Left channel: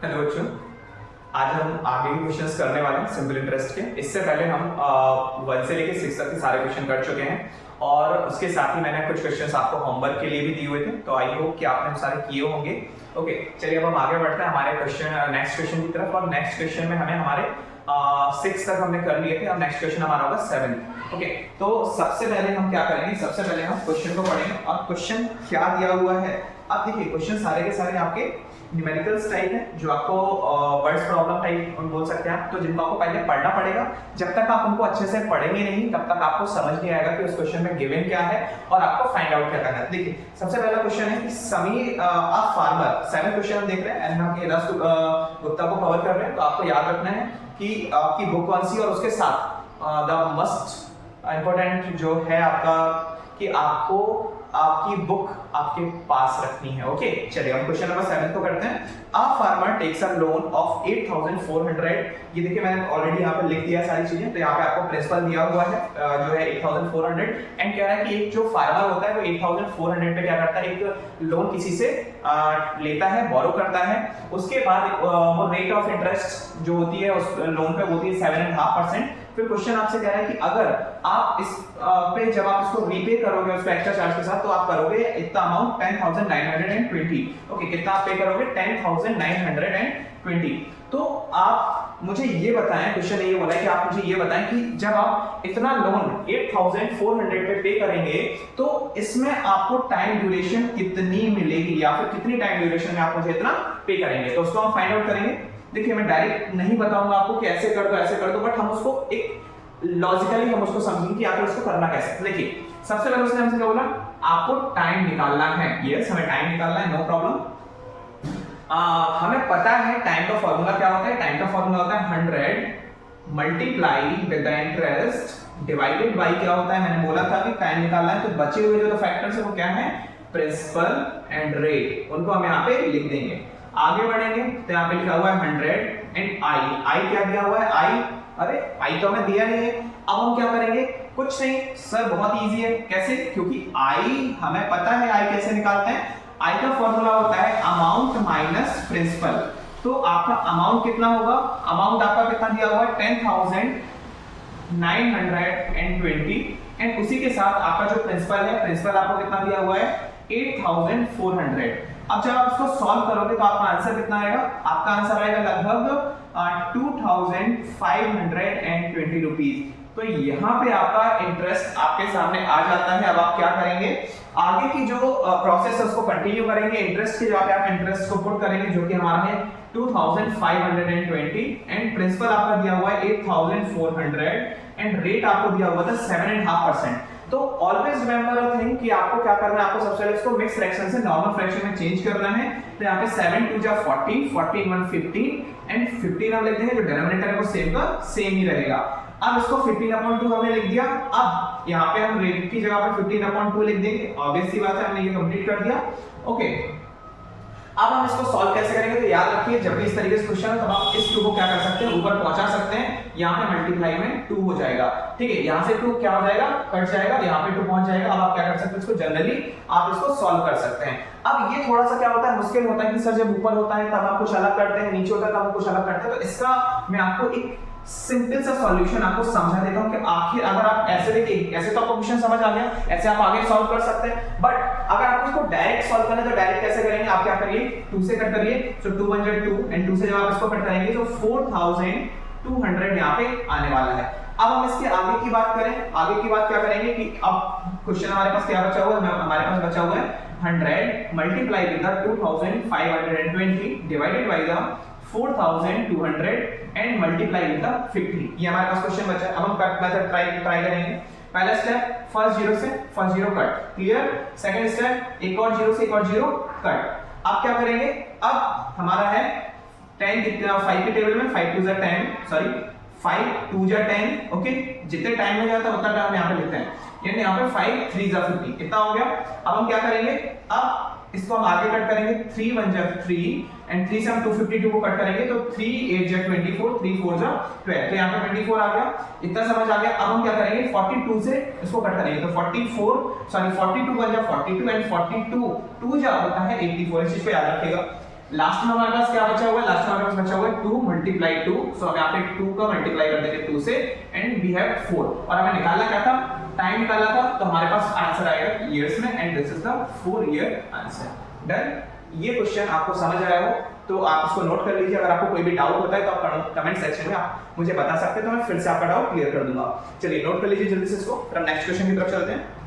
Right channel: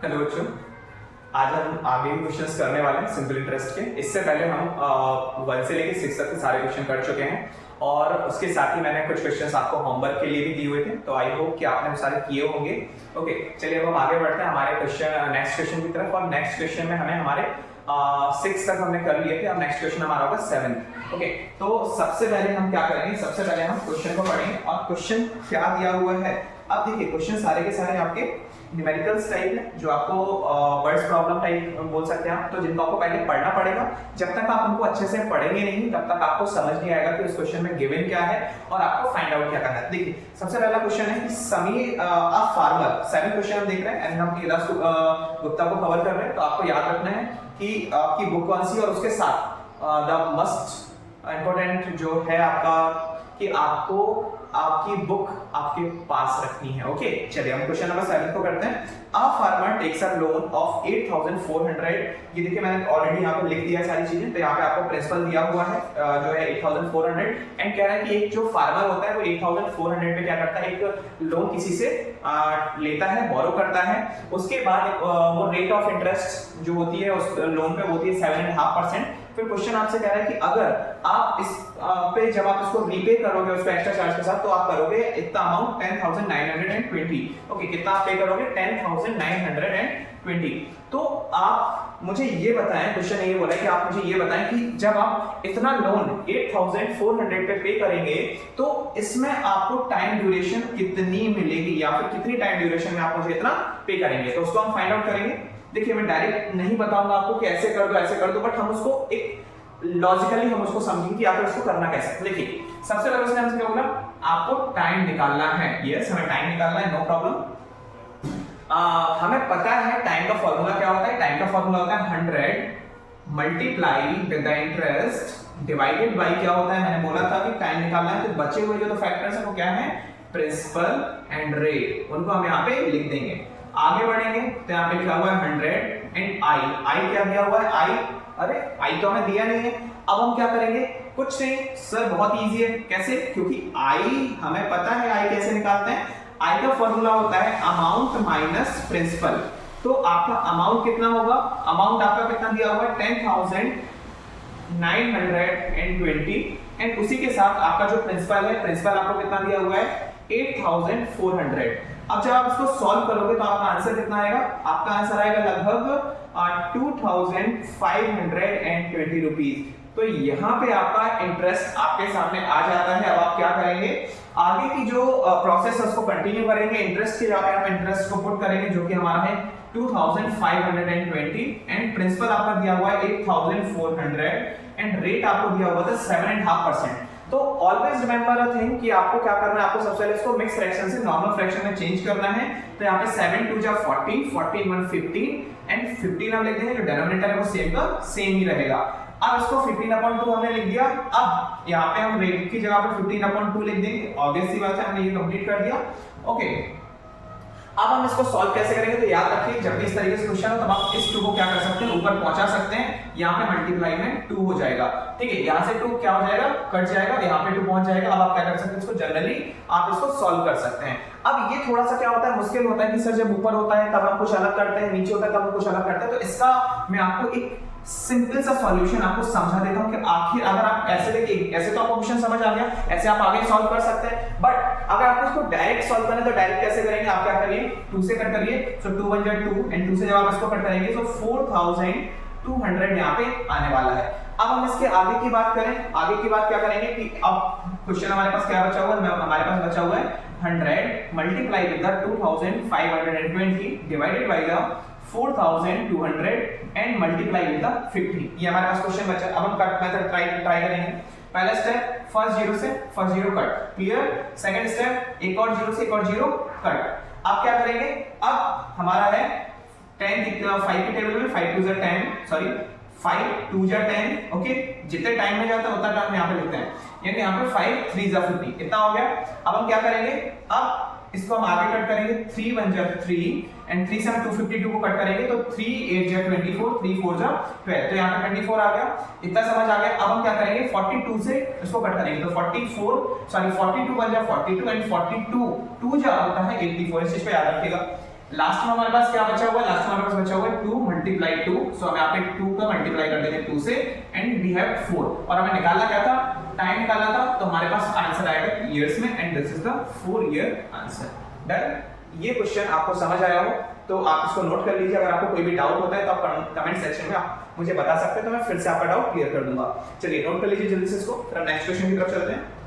Hello बच्चों, आज हम आगे के क्वेश्चंस करने वाले हैं सिंपल इंटरेस्ट के। इससे पहले हम 1 से लेकर 6 तक के सारे क्वेश्चन कर चुके हैं और उसके साथ ही मैंने कुछ क्वेश्चंस आपको होमवर्क के लिए भी दिए हुए थे, तो आई होप कि आपने वो सारे किए होंगे। ओके, चलिए अब हम आगे बढ़ते हैं हमारे नेक्स्ट क्वेश्चन की तरफ। और नेक्स्ट क्वेश्चन में हमें हमारे 6 तक हमने कर लिए थे, अब नेक्स्ट क्वेश्चन हमारा होगा 7। ओके, तो सबसे पहले हम क्या करेंगे, सबसे पहले हम क्वेश्चन को पढ़ेंगे और क्वेश्चन क्या दिया हुआ है। अब देखिए, क्वेश्चन सारे के सारे आपके न्यूमेरिकल्स टाइप है, जो आपको वर्ड्स प्रॉब्लम टाइप बोल सकते हैं आप, तो जिनको आपको पहले पढ़ना पड़ेगा। जब तक आप उनको अच्छे से पढ़ेंगे नहीं, तब तक आपको समझ नहीं आएगा कि उस क्वेश्चन में गिवन क्या है और आपको फाइंड आउट क्या करना है। देखिए, सबसे पहला क्वेश्चन है कि समीर अ फार्मर। 7 क्वेश्चन हम देख रहे हैं एंड हम केदार गुप्ता को कवर कर रहे हैं, तो आपको याद रखना है कि आपकी बुक कौन सी, और उसके साथ द मस्ट इंपॉर्टेंट जो है आपका कि आपको आपकी बुक आपके पास रखनी है। ओके, चलिए हम क्वेश्चन नंबर 7 को करते हैं। A farmer takes a loan of 8400। ये देखिए, मैंने ऑलरेडी यहाँ पे लिख दिया है सारी चीजें, तो यहाँ पे आपको प्रिंसिपल दिया हुआ है जो है 8400 एंड कह रहा है कि एक जो फार्मर होता है वो 8400 पे क्या करता है, एक लोन किसी से लेता है, बोरो करता है। उसके बाद वो रेट ऑफ इंटरेस्ट जो होती है उस लोन पे होती है 7.5%। फिर क्वेश्चन आपसे कह रहा है कि अगर आप इस पे जब आप इसको रीपे करोगे उसको एक्स्ट्रा चार्ज के साथ, तो आप करोगे इतना अमाउंट 10920। ओके, कितना आप पे करोगे 10920। तो आप मुझे ये बताएं, क्वेश्चन ये बोला है कि आप मुझे ये बताएं कि जब आप इतना लोन 8400 पे पे करेंगे तो इसमें आपको टाइम ड्यूरेशन कितनी मिलेगी, या फिर कितनी टाइम ड्यूरेशन में आप मुझे इतना पे करेंगे, तो उसको हम फाइंड आउट करेंगे। देखिए, मैं डायरेक्ट नहीं बताऊंगा आपको कि ऐसे कर दो ऐसे कर दो, बट हम उसको एक लॉजिकली हम उसको समझेंगे कि आखिर उसको करना कैसे। देखिए, सबसे पहले उसने हमसे क्या बोला, आपको टाइम निकालना है। यस, हमें टाइम निकालना है, नो प्रॉब्लम। हमें पता है टाइम का फॉर्मूला क्या होता है। टाइम का फॉर्मूला होता है 100 multiply with the interest divided by क्या होता है, मैंने बोला था कि टाइम निकालना है, तो बचे हुए जो फैक्टर्स है वो क्या है, प्रिंसिपल एंड रेट, उनको हम यहाँ पे लिख देंगे। आगे बढ़ेंगे तो यहाँ पे लिखा हुआ है 100 एंड आई क्या दिया हुआ है, अरे आई तो हमें दिया नहीं है। अब हम क्या करेंगे, कुछ नहीं सर, बहुत इजी है। कैसे, क्योंकि आई हमें पता है, आई कैसे निकालते हैं। आई का फॉर्मूला होता है अमाउंट माइनस प्रिंसिपल। तो आपका अमाउंट कितना होगा, अमाउंट आपका कितना दिया हुआ है 10920 एंड उसी के साथ आपका जो प्रिंसिपल है, प्रिंसिपल आपको कितना दिया हुआ है 8400। अब जब आप इसको सॉल्व करोगे तो आपका आंसर कितना आएगा, आपका आंसर आएगा लगभग 2520 रुपीज। तो यहाँ पे आपका इंटरेस्ट आपके सामने आ जाता है। अब आप क्या करेंगे, आगे की जो प्रोसेस है उसको कंटिन्यू करेंगे। इंटरेस्ट की जगह पे आप इंटरेस्ट को पुट करेंगे, जो कि हमारा है 2520 एंड प्रिंसिपल आपका दिया हुआ है 8400 एंड रेट आपको दिया हुआ था 7.5%। तो ऑलवेज रिमेंबर अ थिंग कि आपको क्या करना है, आपको सबसे पहले इसको मिक्स फ्रैक्शन से नॉर्मल फ्रैक्शन में चेंज करना है। तो यहाँ पे 7 2 जा 40, 40 1 15 एंड 15 हम लिख देंगे, जो डिनोमिनेटर है वो सेम का सेम ही रहेगा। अब इसको 15/2 हमने लिख दिया। अब यहाँ पे हम रेट की जगह पर 15/2 लिख देंगे, ऑब्वियस सी बात है, हमने ये कंप्लीट कर दिया। ओके, अब हम इसको सॉल्व कैसे करेंगे, तो याद रखिए जब भी इस तरीके से क्वेश्चन हो तब आप इस 2 को क्या कर सकते हैं, ऊपर पहुंचा सकते हैं। यहाँ पे मल्टीप्लाई में 2 हो जाएगा, ठीक है, यहाँ से 2 क्या हो जाएगा, कट जाएगा, यहाँ पे 2 पहुंच जाएगा। अब आप क्या कर सकते हैं, इसको जनरली आप इसको सॉल्व कर सकते हैं। अब ये थोड़ा सा क्या होता है, मुश्किल होता है कि सर जब ऊपर होता है तब हम कुछ अलग करते हैं, नीचे होता है तब हम कुछ अलग करते हैं। तो इसका मैं आपको एक सिंपल सा सॉल्यूशन आपको समझा देता हूं कि आखिर अगर आप ऐसे देखिए, ऐसे तो आपको क्वेश्चन समझ आ गया, ऐसे आप आगे सॉल्व कर सकते हैं। बट अगर आपको इसको डायरेक्ट सॉल्व करना है तो डायरेक्ट कैसे करेंगे, आप क्या करिए, 2 से कट करिए, सो 2 1 2 एंड 2 से जब आप इसको कट करेंगे तो 4200 यहाँ पे आने वाला है। अब हम इसके आगे की बात करें, आगे की बात क्या करेंगे कि अब क्वेश्चन हमारे पास क्या बचा हुआ है, हमारे पास बचा हुआ है 100 multiply with the 2520 divided by the 4200 and multiply with the 50। ये हमारे पास क्वेश्चन बचा है। अब हम कट मेथड ट्राई करेंगे। पहला स्टेप, फर्स्ट जीरो से first zero cut, clear. Second step, एक और जीरो से एक और जीरो कट। अब क्या करेंगे, अब हमारा है 10 कितना, 5 के टेबल में 5 2 जा 10, सॉरी 5 2 जा 10। ओके, जितने टाइम में जाता है उतना टाइम यहाँ पे लिखते हैं, यानी यहाँ पे 5 3 जा 50, कितना हो गया। अब हम क्या करेंगे, अब इसको हम आगे कट करेंगे, 3 1 जा 3 एंड 3 से हम 252 को कट करेंगे तो 3 8 जा 24, 3 4 जा 12, तो यहाँ पे 24 आ गया। इतना समझ आ गया। अब हम क्या करेंगे, 42 से इसको कट करेंगे तो 42 1 जा 42 एंड 42 2 जा होता है 84, इस चीज को याद रखिएगा। लास्ट में हमारे पास क्या बचा हुआ है, लास्ट में हमारे पास बचा हुआ है 2 मल्टीप्लाई 2, सो हम यहाँ पे 2 का मल्टीप्लाई कर देंगे 2 से एंड वी हैव 4 और हमें निकालना क्या था, टाइम निकालना था, तो हमारे पास आंसर आएगा ईयर्स में and this is the 4 year answer. Done. ये क्वेश्चन आपको समझ आया हो तो आप इसको नोट कर लीजिए। अगर आपको कोई भी डाउट होता है तो आप कमेंट सेक्शन में आप मुझे बता सकते हैं, तो मैं फिर से आपका डाउट क्लियर कर दूंगा। चलिए नोट कर लीजिए जल्दी से इसको, फिर हम नेक्स्ट क्वेश्चन की तरफ चलते हैं।